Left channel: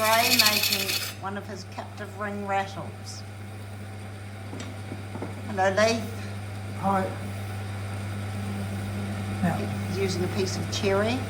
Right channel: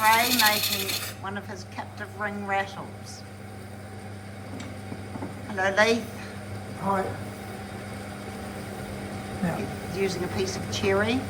Gray making one of his captive ring rattles. Hello, Leith. Hi. Now, He's using a piece of cherry.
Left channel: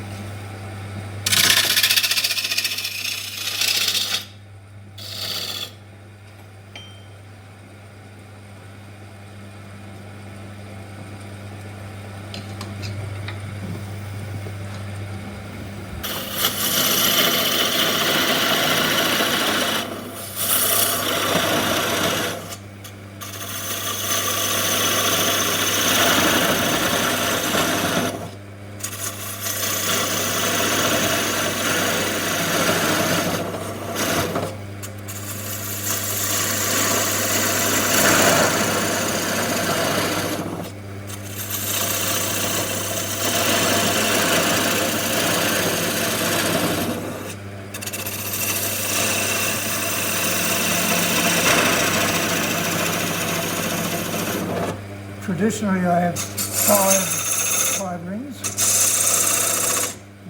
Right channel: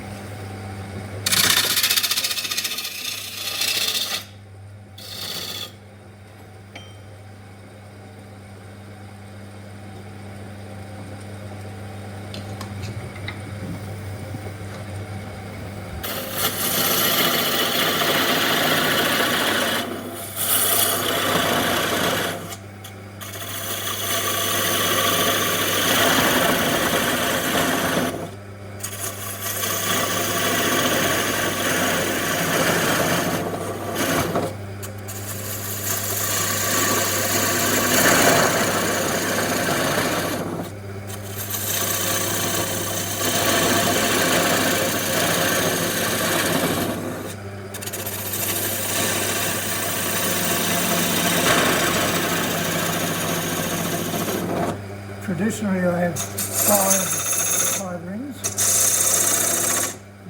traditionally I have five rings.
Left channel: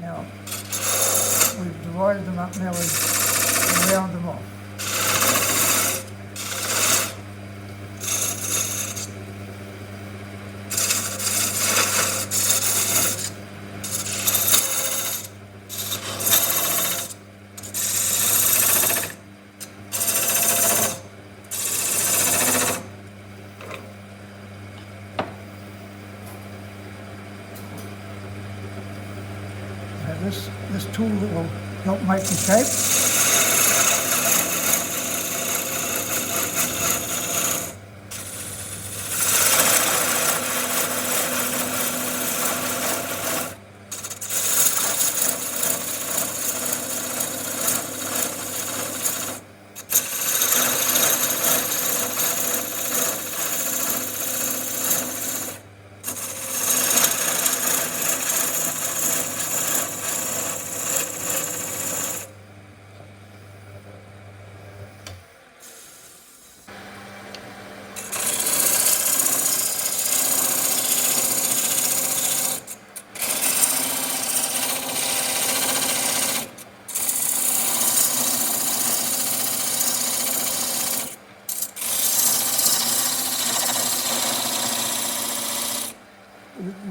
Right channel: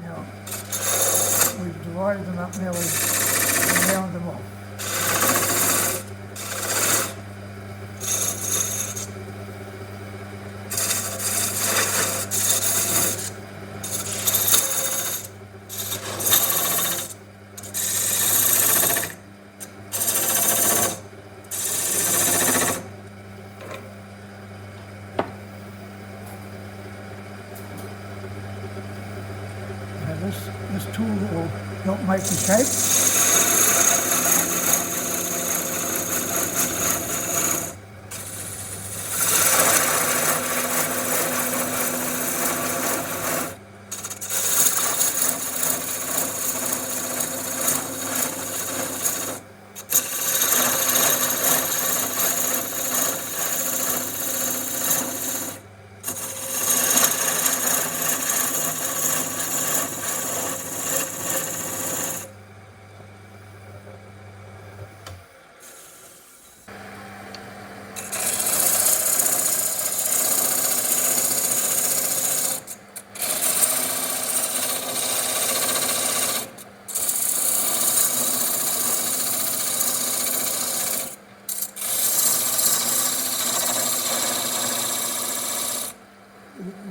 Now we've divided them up, now we round them off. This tool will help make the shape.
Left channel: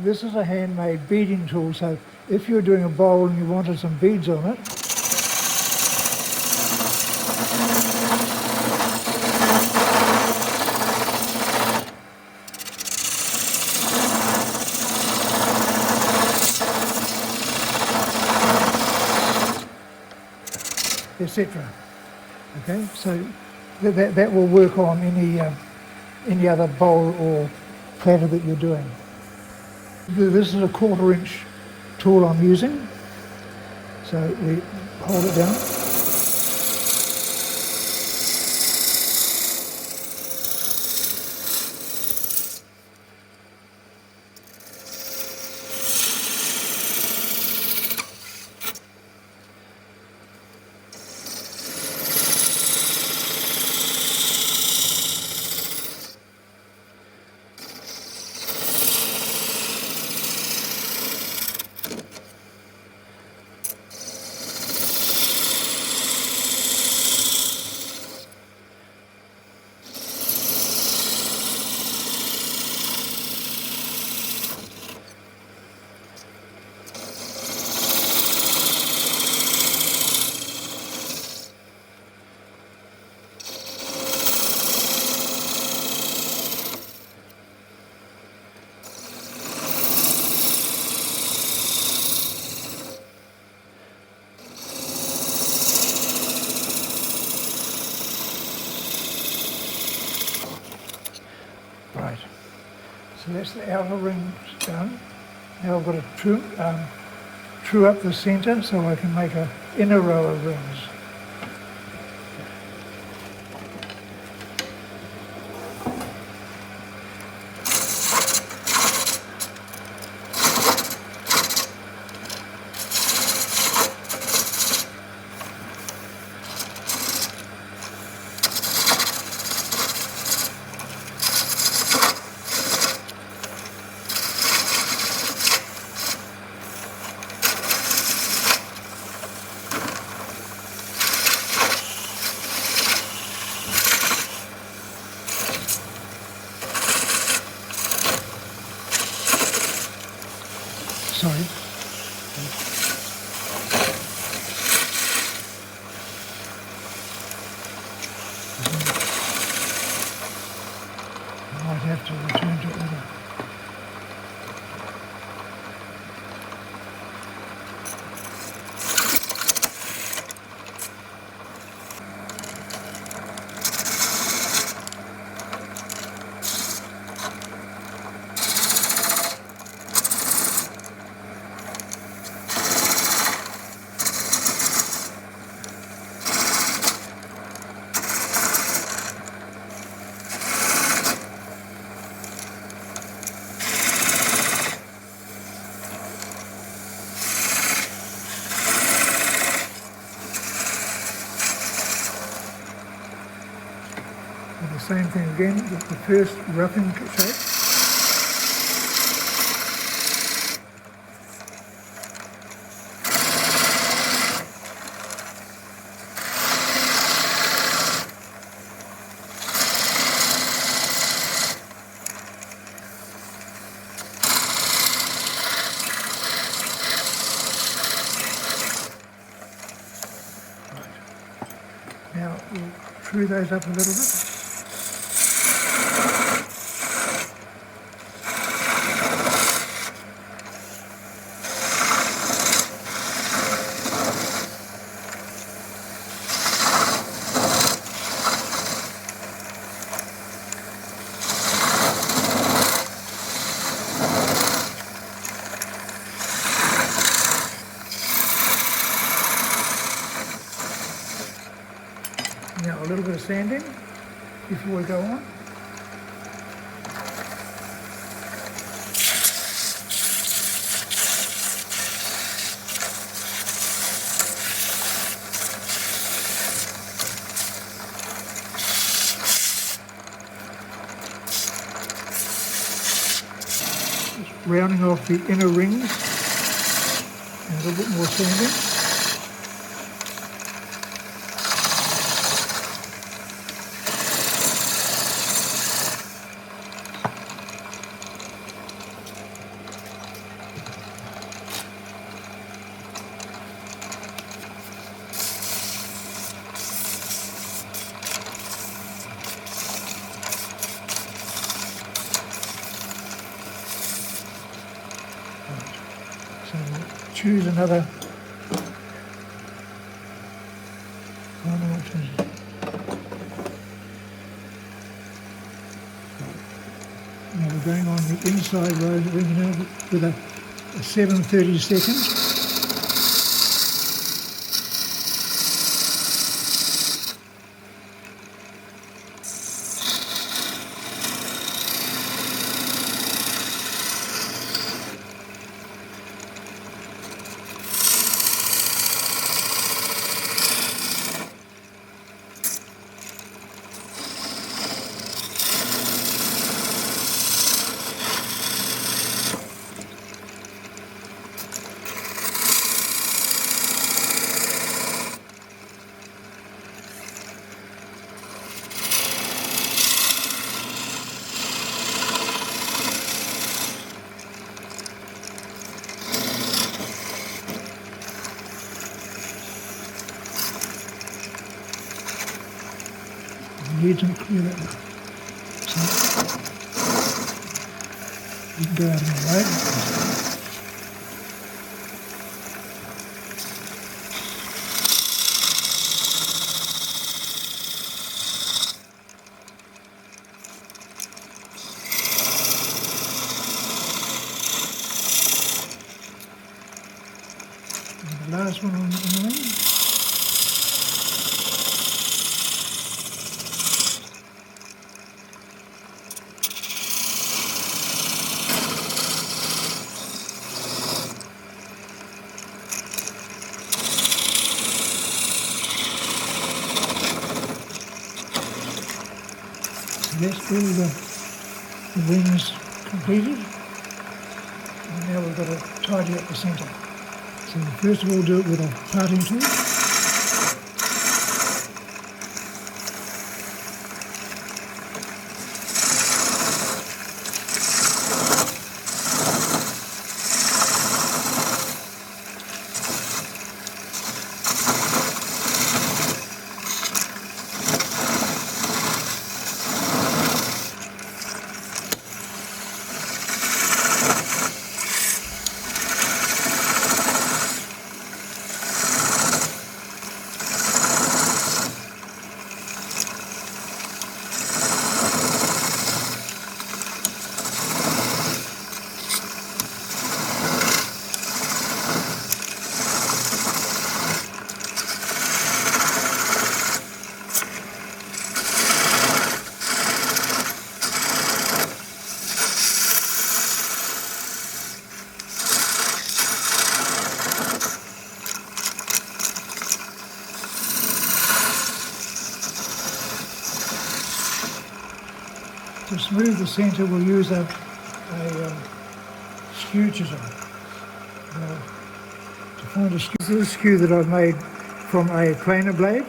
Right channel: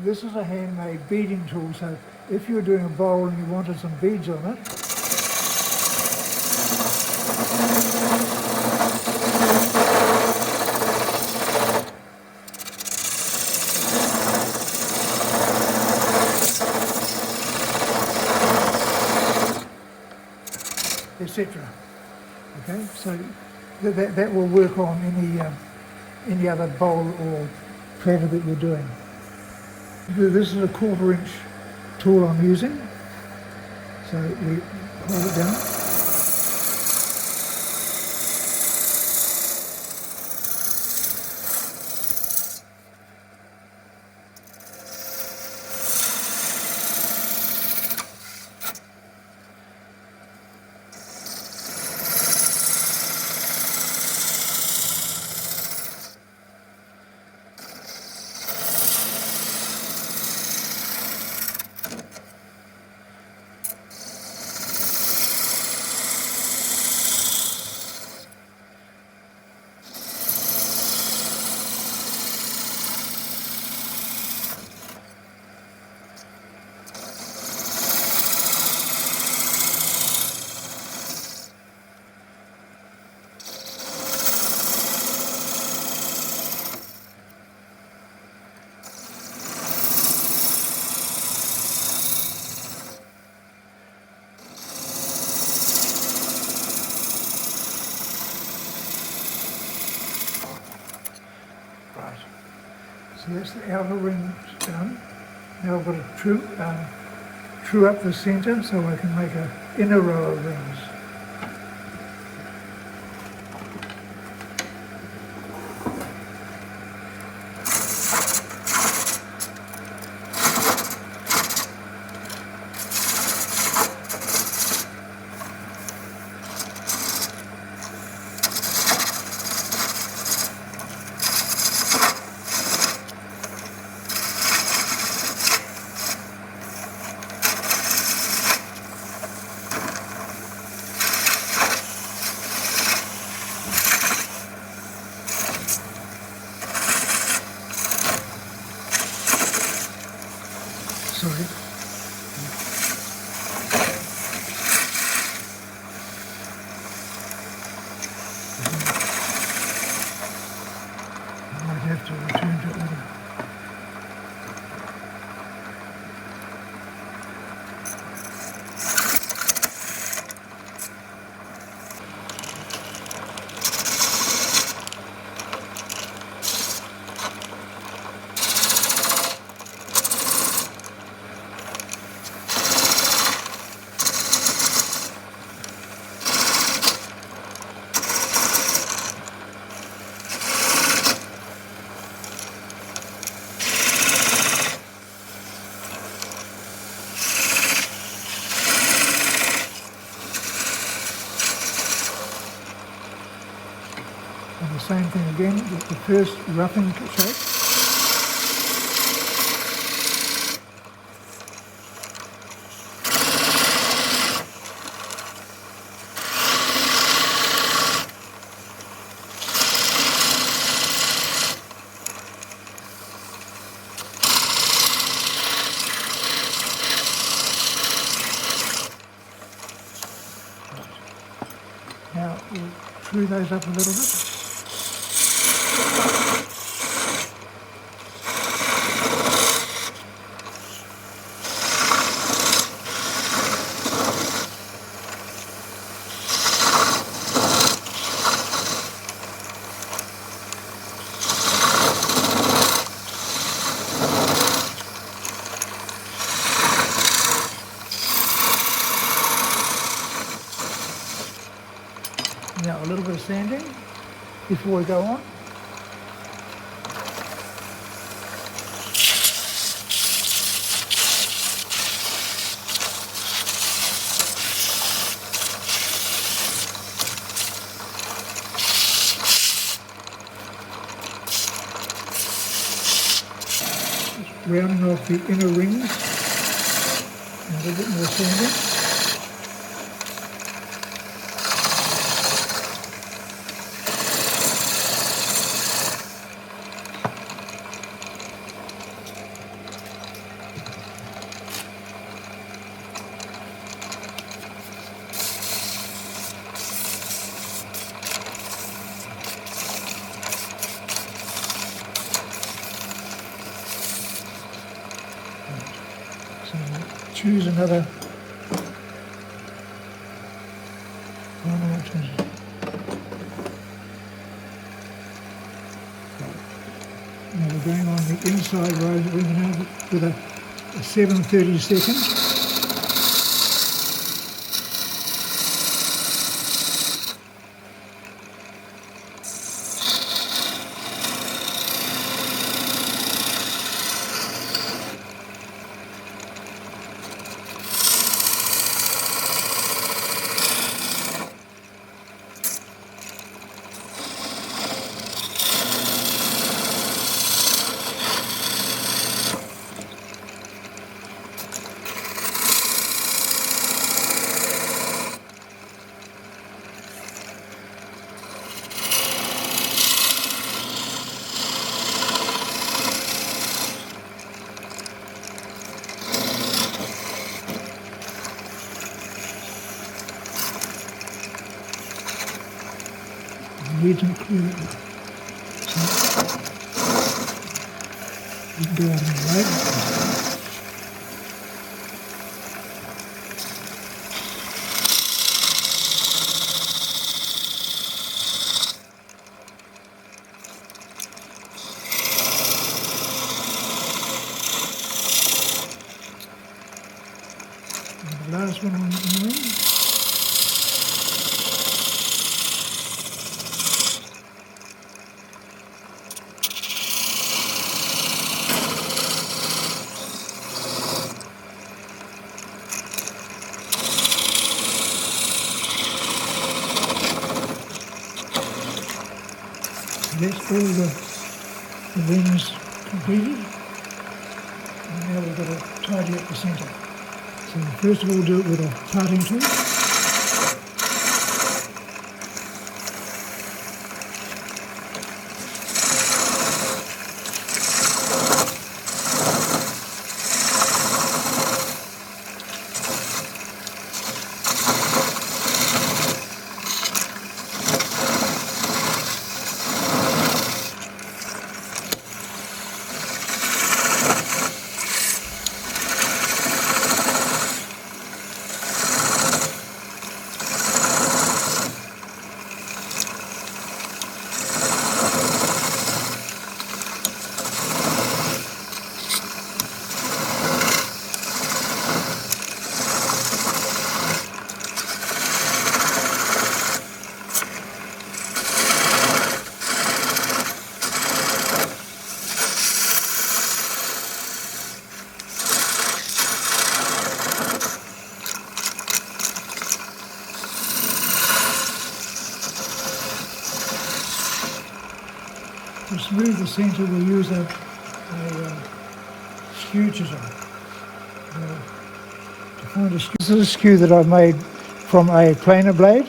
This is a handmade beading tool, so if you're doing a bowl and you wanted some beads on it, etc. Okay, so that will work on any other bowl or platter that you're doing. This is a 1/4 inch tool I'm using, so we hold it down. So that's the outer ring done. Now I've got to true up the centre so I can make an inner row of rings. Sorry. I might have to return to order. And the same thing again, the first roughing shot. Now we'll true those up a little bit. Now a little bit of sanding before we go on. Rounding off the inner rings and a little bit more sanding. So choose another. Oh, no, which one is it? Now we're going on the inside rose ring now with a 7/32. Need to clear it. So you can go out in the light. And the last one on the ring. That's all the rings completed, and now we've got to tidy up the centre. So first of all do it with a parting tool. remove the centre, we'll use a skew chisel. To find a skew, this is a skew that I made from a planer blade.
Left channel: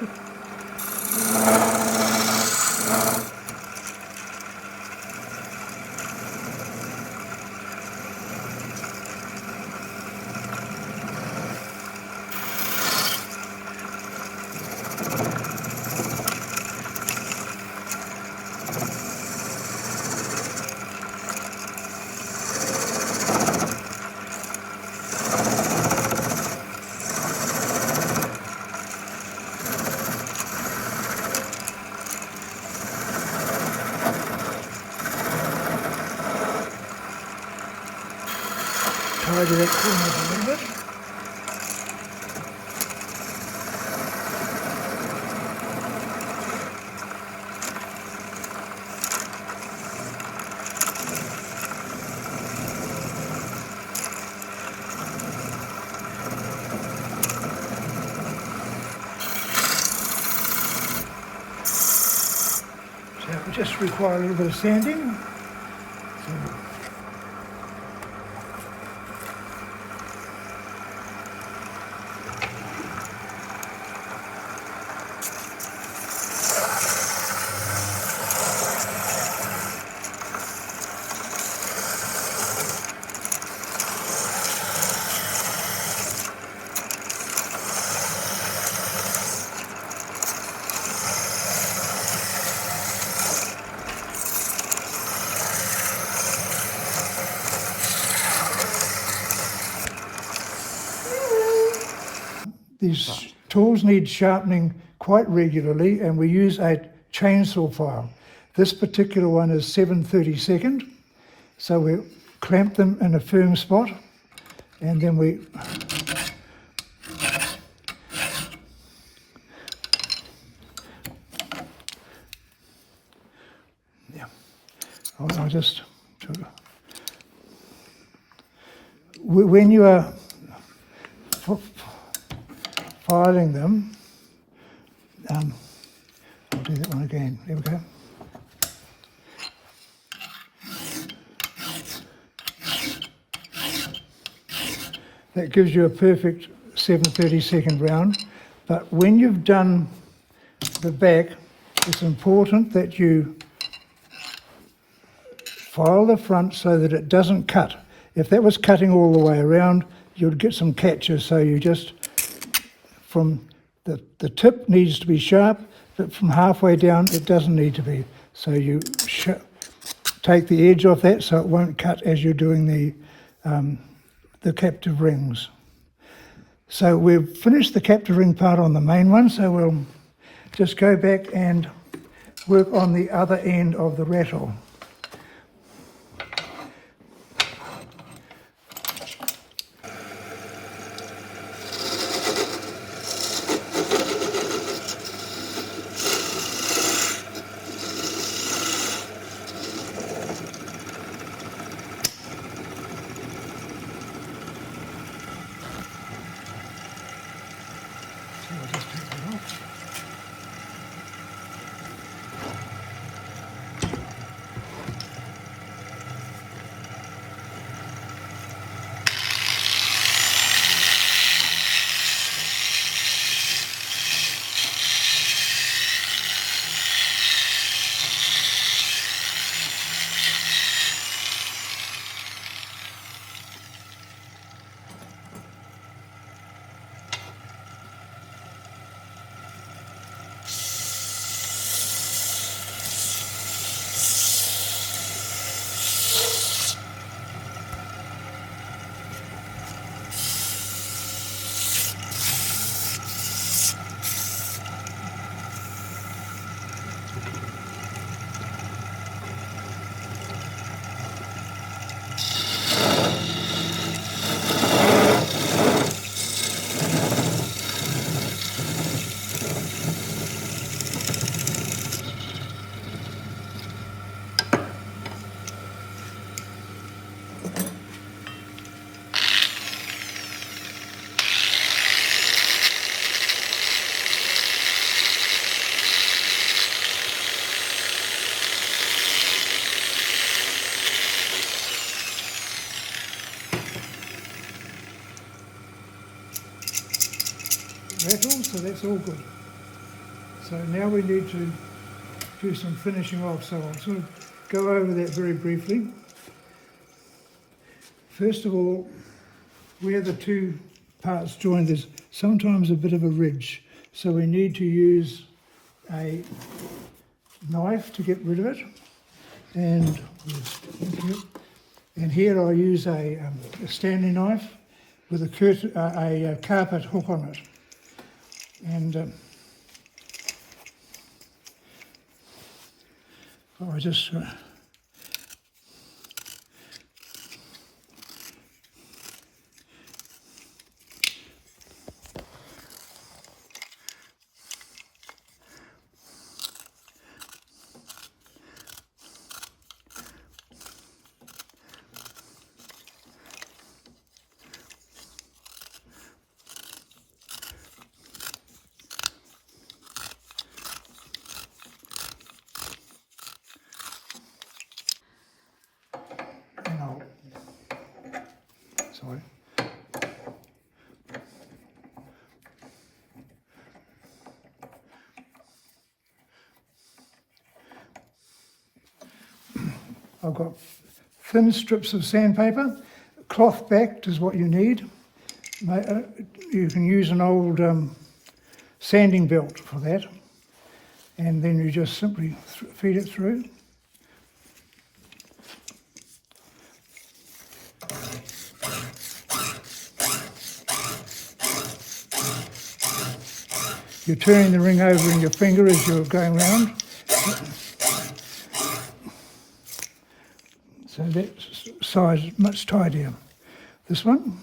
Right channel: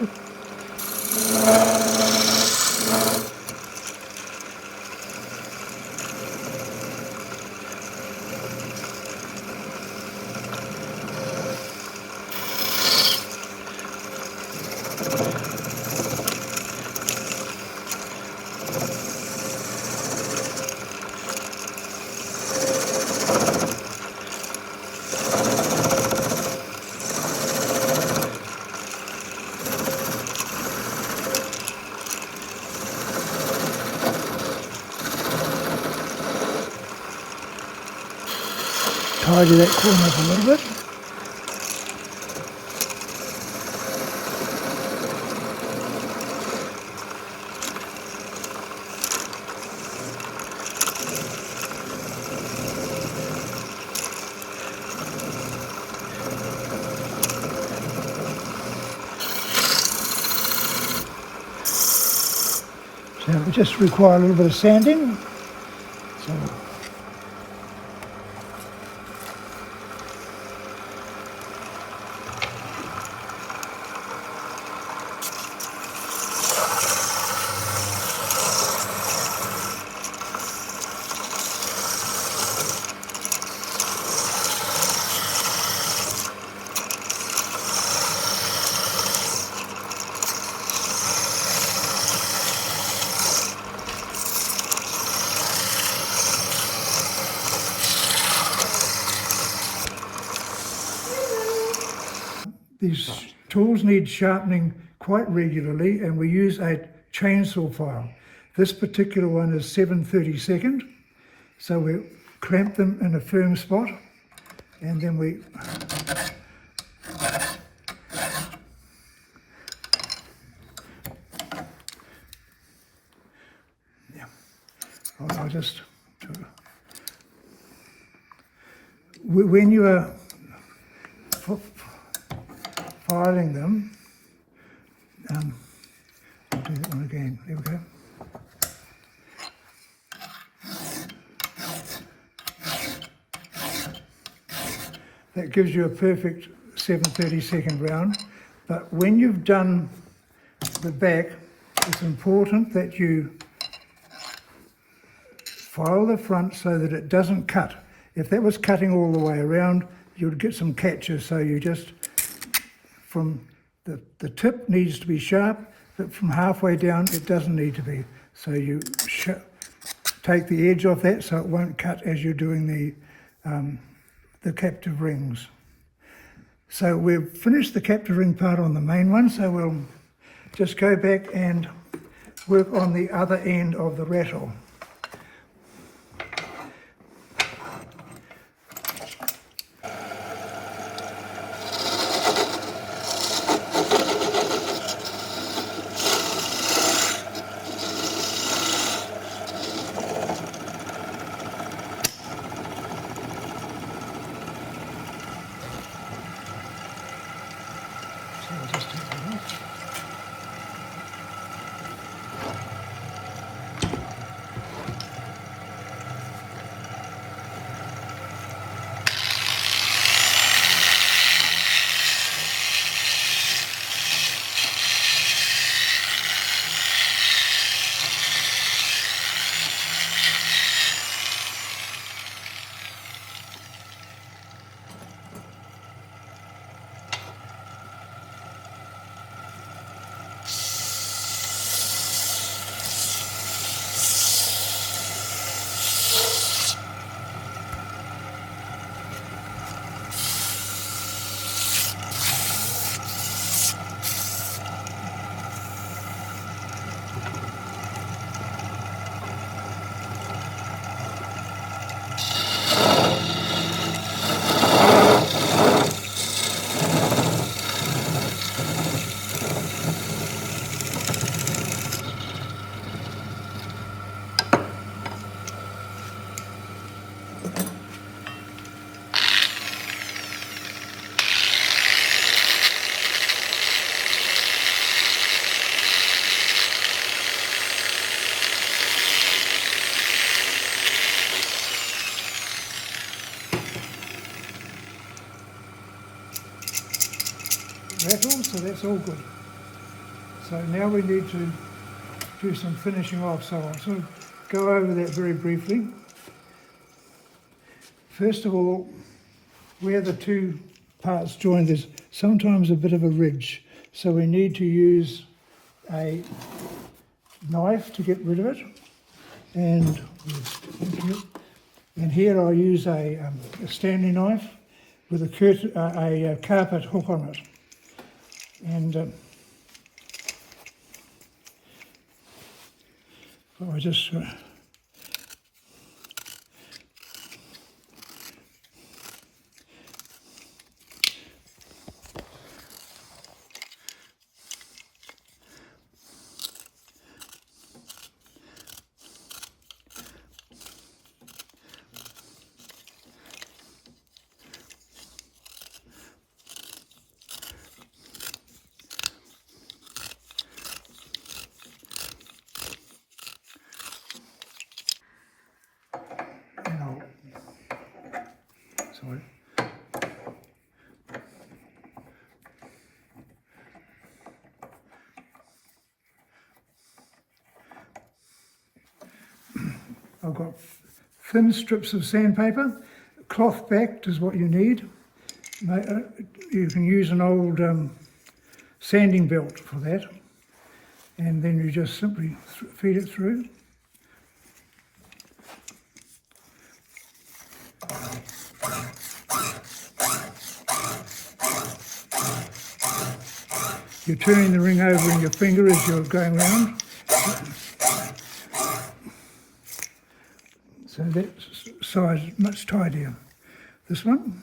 Tidy that corner up a little bit. So we just require a little bit of sanding. So these tools need sharpening quite regularly, and we use a chainsaw file. This particular one is 7/32, so we clamp them in a firm spot, and then we just when you are filing them, I'll do that one again. There we go. That gives you a perfect 7/32 round. But when you've done the back, it's important that you file the front so that it doesn't cut. If that was cutting all the way around, you'd get some catches. So you just, from the tip needs to be sharp, but from halfway down it doesn't need to be. So you take the edge off that so it won't cut as you're doing the captive rings. So we've finished the captive ring part on the main one, so we'll just go back and work on the other end of the rattle. rattle, so that's all good. So now we need to do some finishing off, so I'll sort of go over that very briefly. First of all, where the two parts join, there's sometimes a bit of a ridge, so we need to use a knife to get rid of it. And here I use a Stanley knife with a carpet hook on it. And I just sorry. I've got thin strips of sandpaper. Cloth backed is what you need. You can use an old sanding belt for that. And then you just simply feed it through. You're turning the ring over in your finger as you're going round. So that side is much tidier. This one.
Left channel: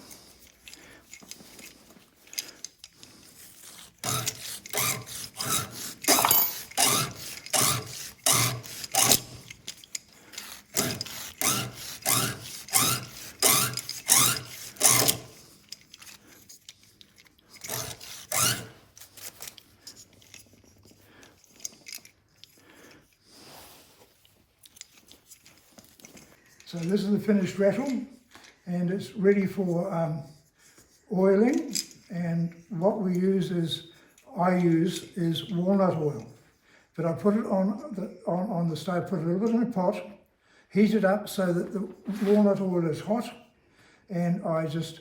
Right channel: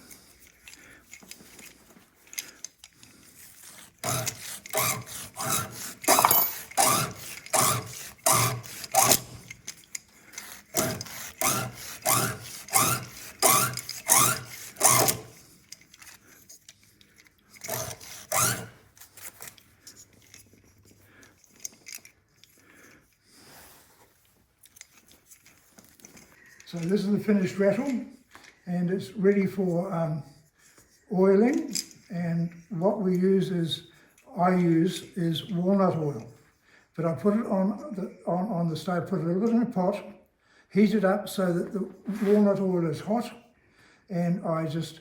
So this is the finished rattle, and it's ready for oiling. And what we use is, I use walnut oil. But I put it on the stove, put a little bit in a pot, heat it up so that the walnut oil is hot, and I just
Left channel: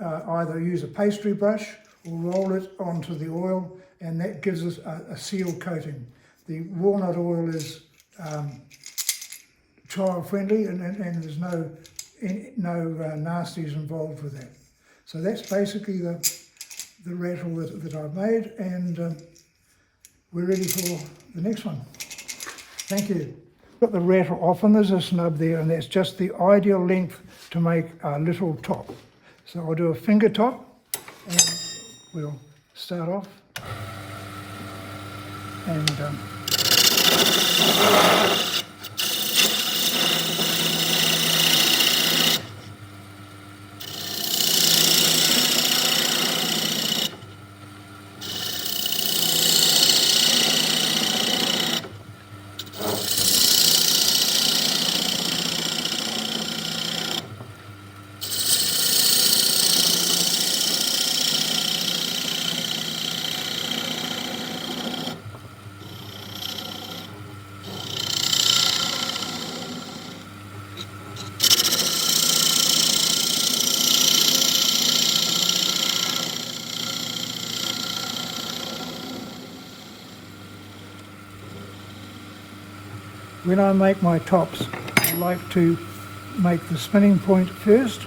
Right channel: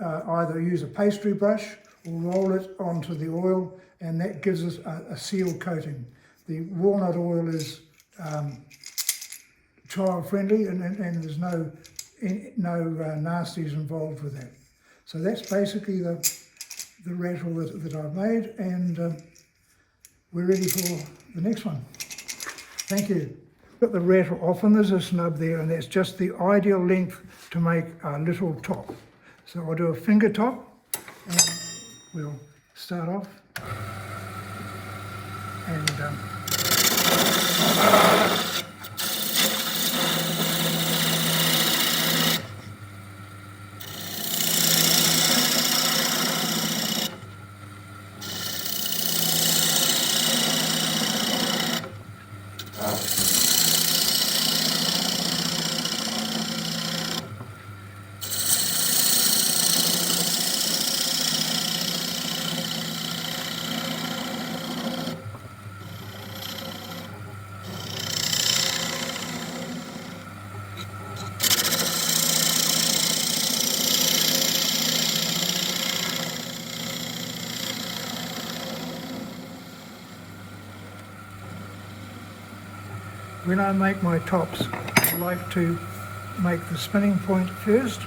either use a pastry brush or roll it onto the oil, and that gives us a seal coating. The walnut oil is child friendly, and there's no nasties involved with that. So that's basically the rattle that I've made, and we're ready for the next one. Thank you. Got the rattle off, and there's a snub there, and that's just the ideal length to make a little top. So I'll do a finger top, and we'll start off. And when I make my tops, I like to make the spinning point first,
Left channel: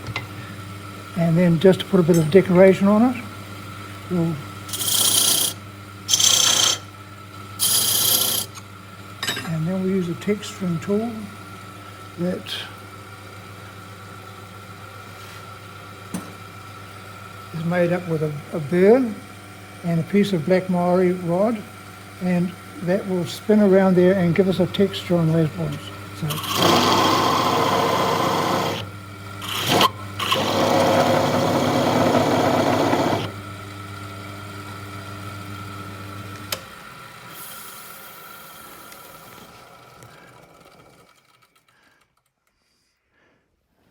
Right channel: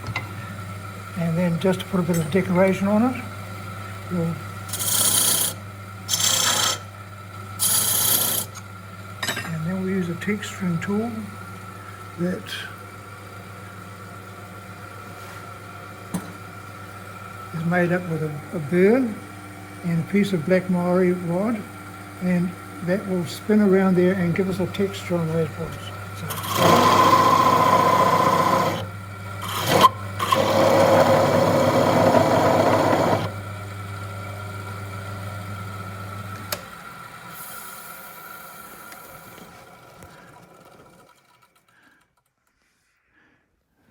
and then just to put a bit of decoration on it, and then we use a texturing tool that is made up with a burr and a piece of black Maori rod, and that will spin around there and give us a texture on those balls.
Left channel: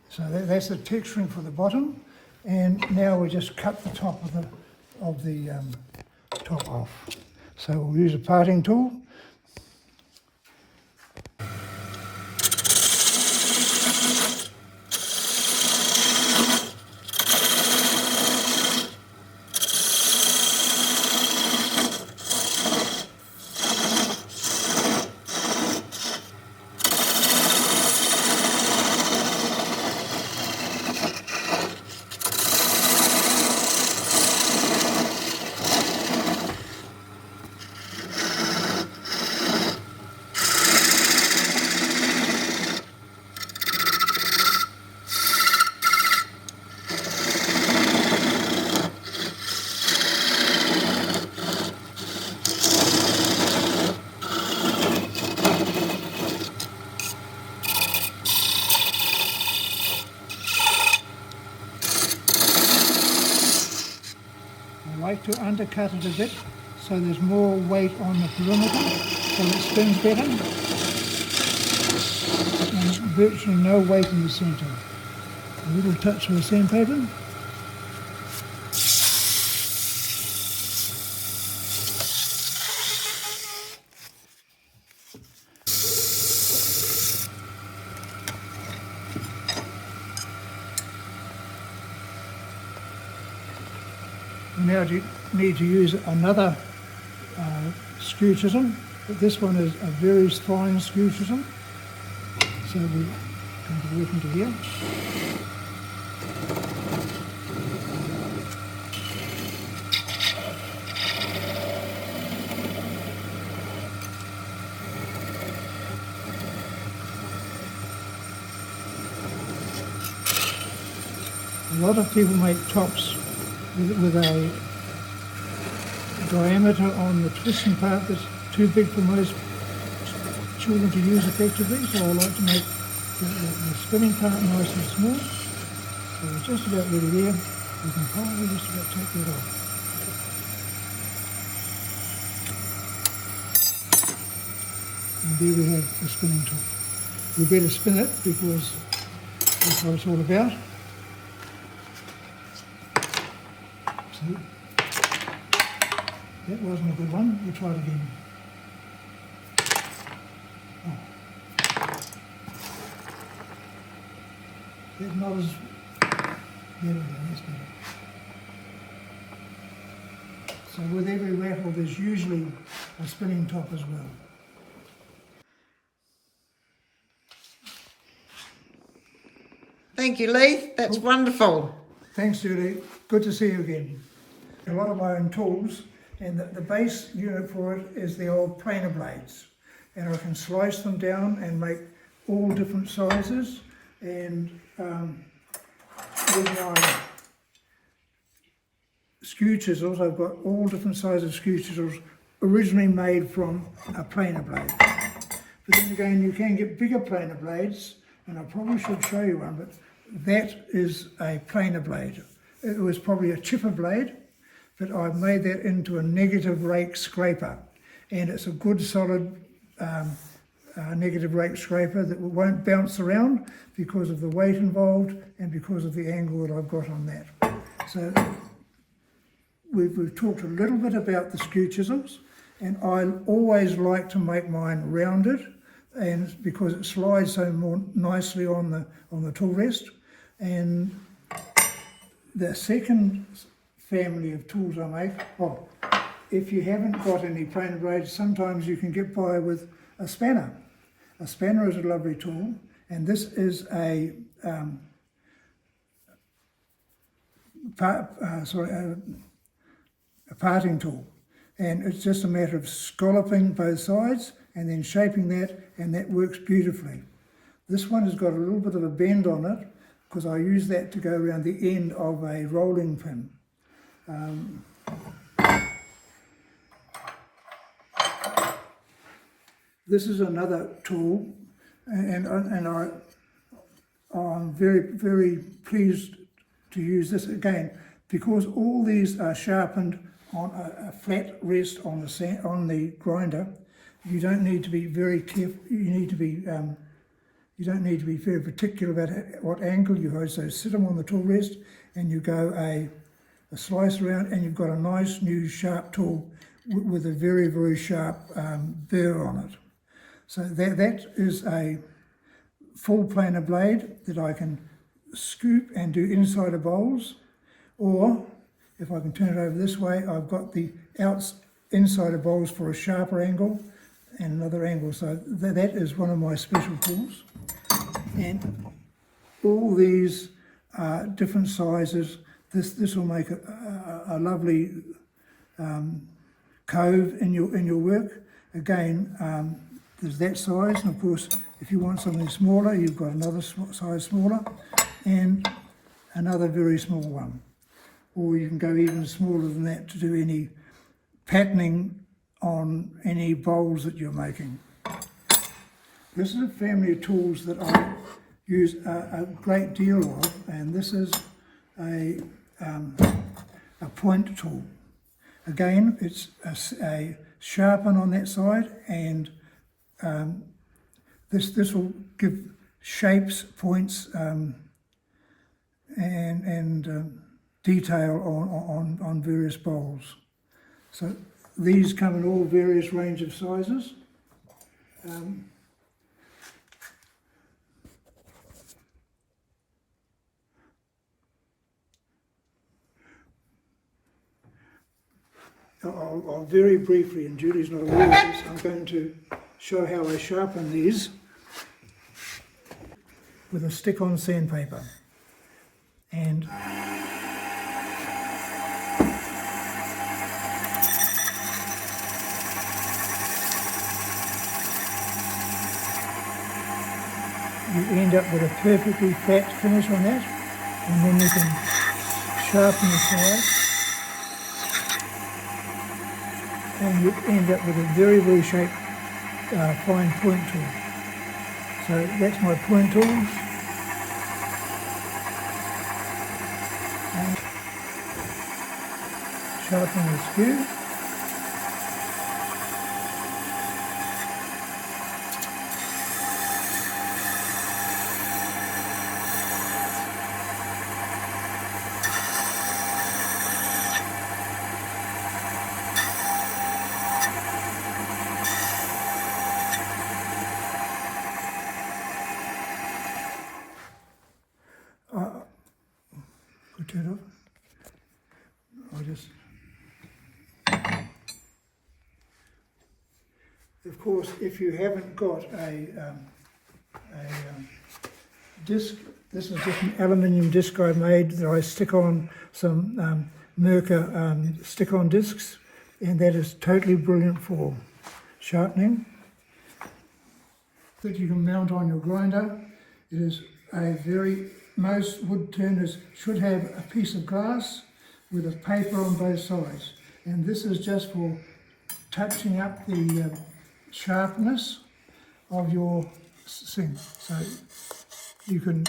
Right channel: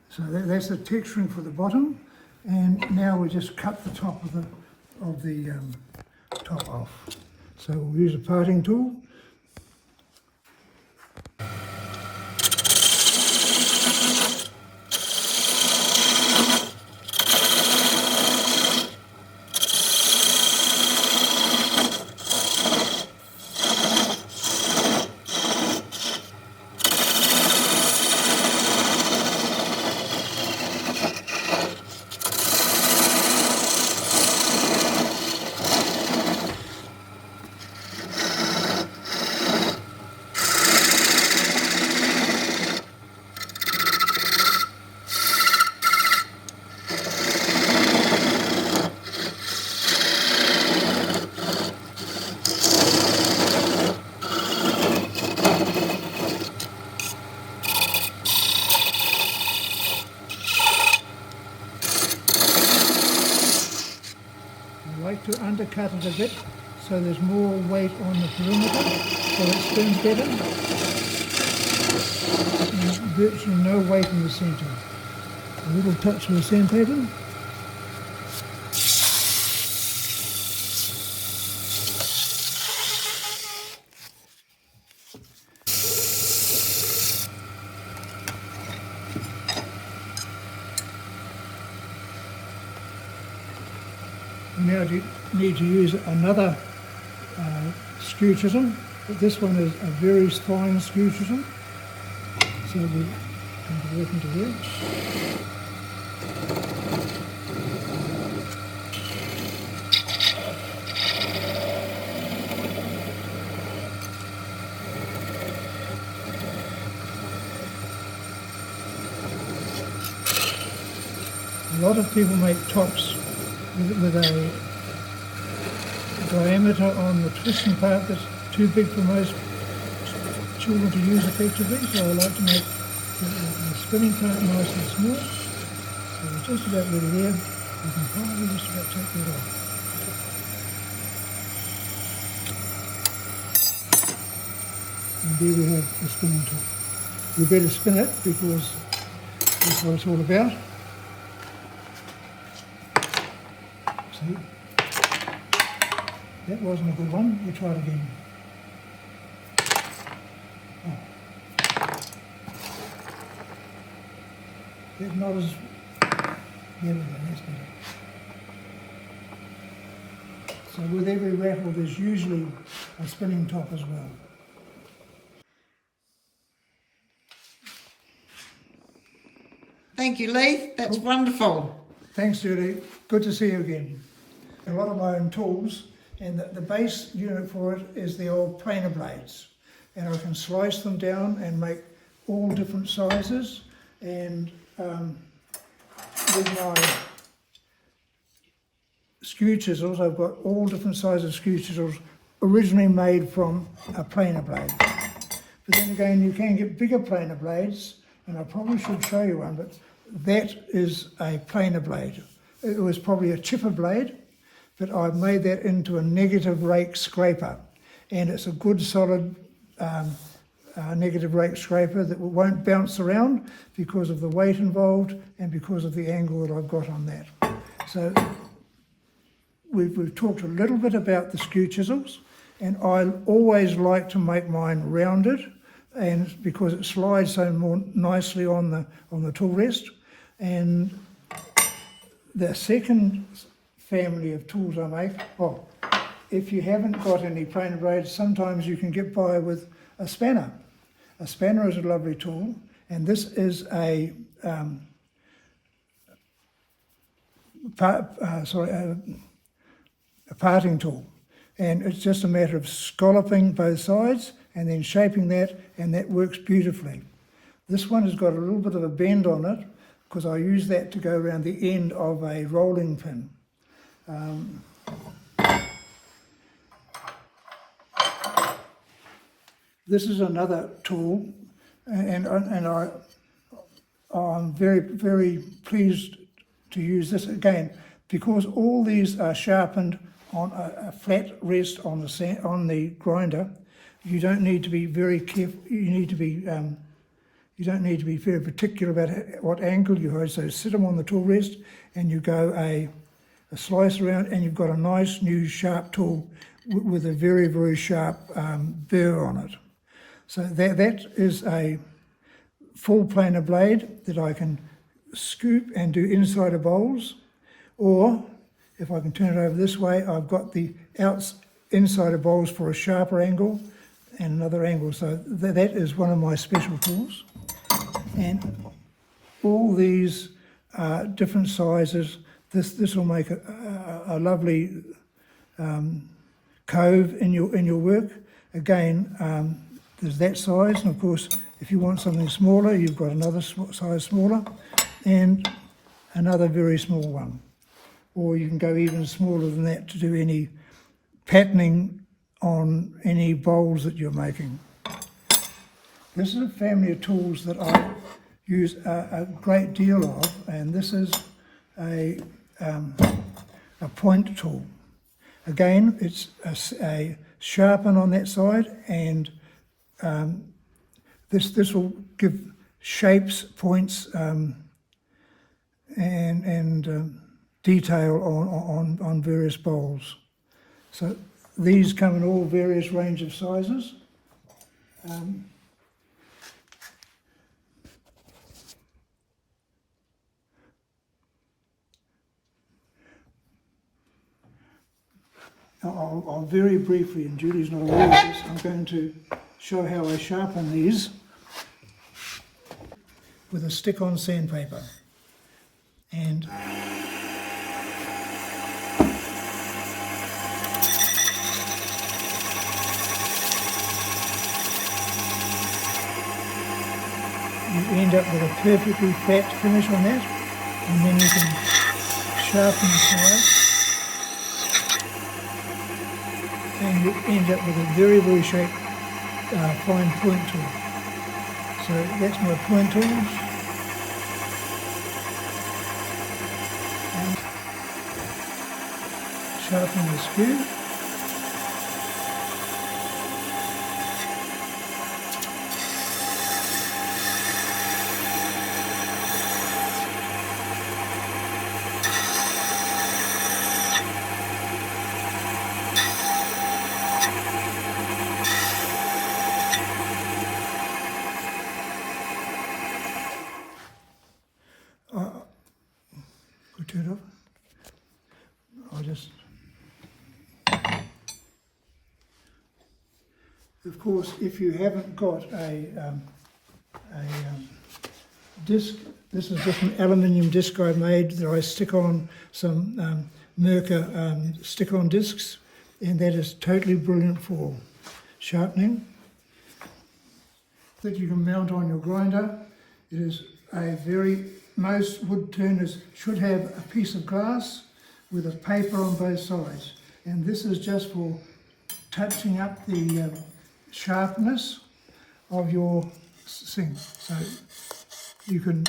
So that's the texturing for the bottom, and now we just cut the top of of the top off. So we'll use a parting tool. I like to undercut it a bit so there's more weight on the perimeter so it spins better, and virtually no weight in the centre. A little touch of the sandpaper. Now you need to use another skew chisel. This one is a very fine skew chisel. So we come to work into here. A lot of people make tops with a diameter on the twisting part that's too big for most children to use effectively, so I like to make the spinning part nice and small. So we're just about ready there. We can probably just about take that off. And there we have the spinning top. We better spin it because that's what it's all about. See? That wasn't a good one. We'll try it again. Oh. That's not as... There we go, that's better. So with every rattle there's usually a spinning top as well. Thank you, Leith. That's wonderful. Thanks, Judy. Good to see you again. A lot of my own tools, and the base unit for it is the old planer blades. And I can slice them down and make all different sizes. And with my skew chisels, I've got all different sizes skew chisels originally made from a planer blade. But then again, you can get bigger planer blades, and I probably should show you one, but that is a planer blade. It was probably a chipper blade, but I've made that into a negative rake scraper, and it's a good solid negative rake scraper that won't bounce around because of the weight involved and because of the angle that I've got on that. So we've talked a little bit about the skew chisels, and I always like to make mine rounded, and because it slides so more nicely on the tool rest. And the second family of tools I make, if you haven't got any planer blades, sometimes you can get by with a spanner. A spanner is a lovely tool, and this is a parting tool, and it's just a matter of scalloping both sides and then shaping that, and that works beautifully. This one has got a little bit of a bend on it because I use that to go around the end of a rolling pin. This is another tool, and I'm very, very pleased to use this again because all these are sharpened on a flat rest on the grinder. You don't need to be very careful. You don't need to be very particular about what angle you hold. So sit them on the tool rest, and you go a a slice around, and you've got a nice new sharp tool with a very, very sharp burr on it. So that is a full planer blade that I can scoop and do inside of bowls, or if I can turn it over this way, I've got the inside of bowls for a sharper angle and another angle. So that is one of my special tools. And all these different sizes. This will make a lovely cove in your work. Again, there's that size, and of course, if you want something smaller, you've got another size smaller, and another very small one. Or you can go even smaller than that to do any patterning on any bowls that you're making. This is a family of tools that I use a great deal of, and this is a point tool. Again, it's a sharpen on that side, and this will give shapes, points, and detail on various bowls. So these come in all various range of sizes. I'll very briefly, and Julie's not aware of this, I'm going to show how I sharpen these with a stick-on sandpaper. And you end up with a perfectly flat finish on that, and then you can sharpen the sides, and you end up with a very, very shaped fine point tool. So that's my point tools. And sharpen the skew. Turn it off. I'll just. Of course, if you haven't got a disc, this is just an aluminium disc I made that I stick on some Mercer stick-on discs, and that is totally brilliant for sharpening. That you can mount on your grinder. It is a most wood turners should have a piece of glass with a paper on both sides, and this is just for touching up the sharpness of your thing. So you can,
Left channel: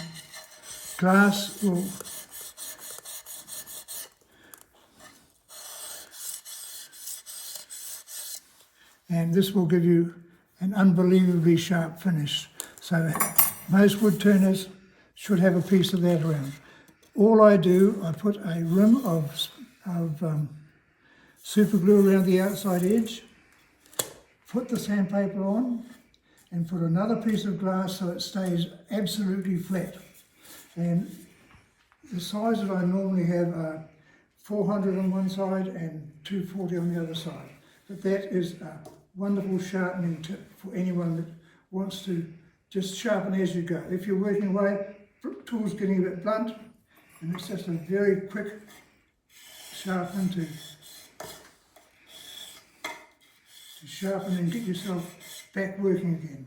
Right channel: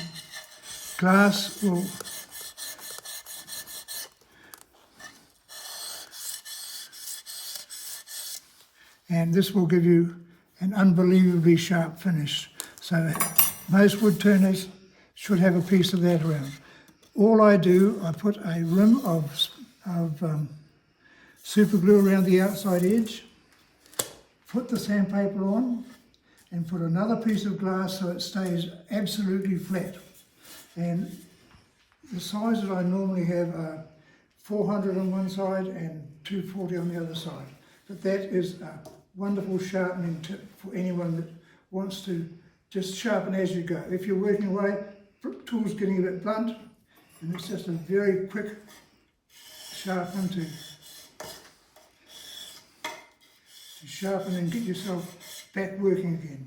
glass will and this will give you an unbelievably sharp finish. So most wood turners should have a piece of that around. All I do, I put a rim of super glue around the outside edge, put the sandpaper on, and put another piece of glass so it stays absolutely flat. And the size that I normally have are 400 on one side and 240 on the other side. But that is a wonderful sharpening tip for anyone that wants to just sharpen as you go. If you're working away, tool's getting a bit blunt, and it's just a very quick sharpen to sharpen and get yourself back working again.